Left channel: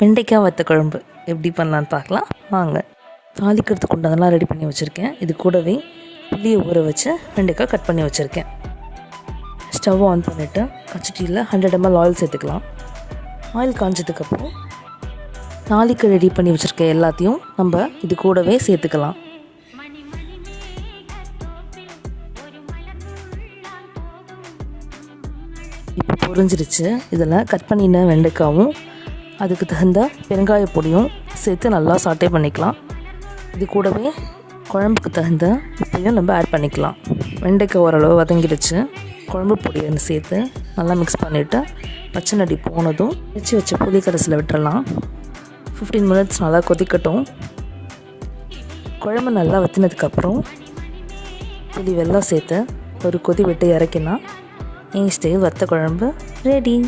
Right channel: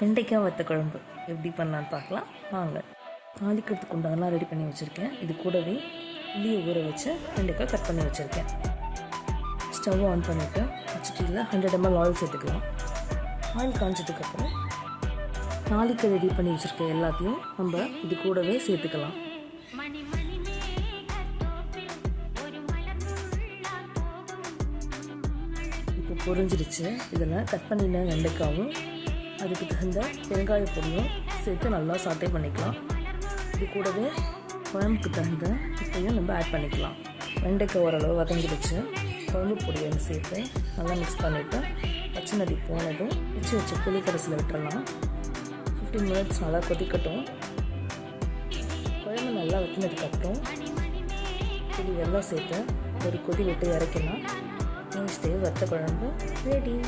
வெண்டைக்காய் வத்த குழம்பு எப்படி பண்ணலான்னு பார்க்கலாம் வாங்க. தாளிக்கிறதுக்கு உண்டானலாம் ரெடி பண்ணி வச்சுருக்கேன். இது கூடவே புளியை ஊற வச்சு வெண்டைக்காய் கட் பண்ணி வச்சுருக்கேன். ஸ்டவ் ஆன் பண்ணிவிட்டு பச்சட்டியில் 100 ml ஆயில் சேர்த்துக்கலாம். ஆயில் காஞ்சதுக்கப்புறம் தாளிக்கு ரெடி பண்ணி வச்சுருக்க எல்லாத்தையும் நம்ம இது கூடவே சேர்த்துக்கலாம். இப்போ பொரிஞ்சிருச்சு. இதில் கட் பண்ணின வெண்டைக்காவும் அதுக்கு தகுந்த பெருங்காய பொடியும் சேர்த்து நல்லா சாட்டே பண்ணிக்கலாம். இது கூடவே குழம்புக்கு தகுந்த உப்பையும் நம்ம ஆட் பண்ணிக்கலாம். வெண்டைக்காய் ஓரளவு வதங்கிடுச்சு. குழம்பு பொடியை சேர்த்து நல்லா மிக்ஸ் பண்ணிவிட்டு பச்சை நடி போனதும் வச்ச புளி கரைசலை விட்டுறலாம். 15 minutes நல்லா கொதிக்கட்டும். குழம்பு நல்லா வற்றினதுக்கப்புறம் புளி வெல்லம் சேர்த்து ஒரு கொதி விட்டு இறக்கினா என் ஸ்டைல் வத்த குழம்பு ரெடி.